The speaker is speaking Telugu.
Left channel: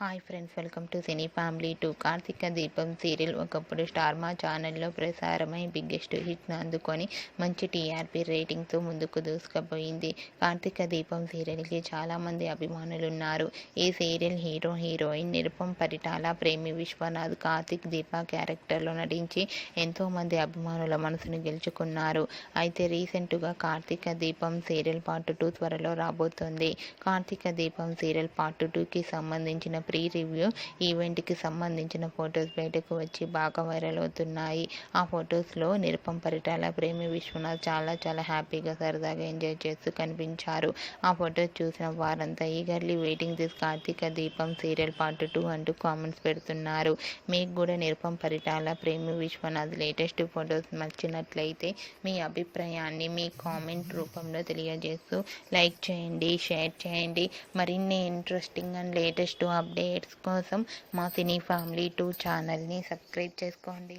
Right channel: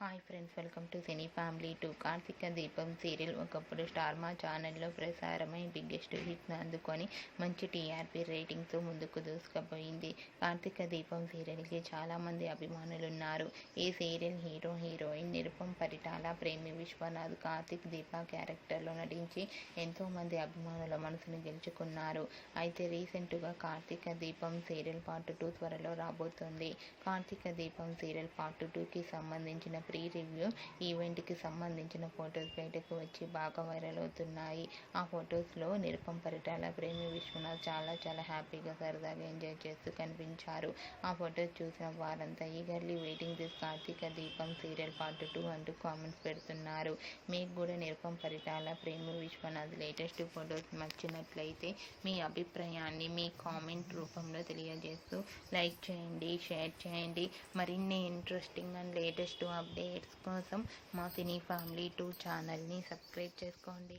Hi friends, welcome to Cine Family 2. Karthika Deepam serial ఒకప్పుడు స్టార్ మా ఛానల్లో ప్రసారమై బిగ్గెస్ట్ హిట్ను అందుకొని మంచి టీఆర్పీ రేటింగ్తో ముందుకు దూసుకుపోయింది. కార్తీక దీపం సీరియల్కి చాలామంది అభిమానులు ఉన్నారు. ఈ సీరియల్ హీరోయిన్ నిరుపం పరిటాల, ప్రేమి విశ్వనాథ్ కార్తీక్ దీప క్యారెక్టర్లో నటించి ఎంతోమంది అభిమానుల మనసును గెలుచుకున్నారు. అయితే రీసెంట్గా కార్తీక దీపం సీరియల్ పార్ట్ 2 త్వరలో రాబోతోంది. కార్తీక దీపం సీరియల్ పార్ట్ 2కి సంబంధించిన ప్రీ రివ్యూ ఈవెంట్కి సంబంధించిన ఫొటోస్ బయటకు వచ్చి బాగా వైరల్ అవుతున్నాయి. ఆ ఫొటోస్లో నిరుపం పరిటాల, ప్రేమి విశ్వనాథ్ చాలా హ్యాపీగా సరదాగా ఎంజాయ్ చేస్తూ కనిపించారు. ఆ ఫొటోస్ చూసిన వారంతా eagerly waiting this Karthika Deepam serial part 2 అంటూ కామెంట్స్ పెడుతున్నారు. మీకు కూడా నిరుపం పరిటాల, ప్రేమి విశ్వనాథ్ లేటెస్ట్ ఫొటోస్ నచ్చినట్లయితే మీ అభిప్రాయాన్ని మీ కామెంట్ రూపంలో తెలియజేస్తూ లైక్ చేయండి, షేర్ చేయండి. మరిన్ని ఇంట్రెస్టింగ్ అండ్ లేటెస్ట్ అప్డేట్స్ కోసం మా సినీ ఫ్యామిలీ 2 ఛానల్ని సబ్స్క్రైబ్ చేసుకోండి.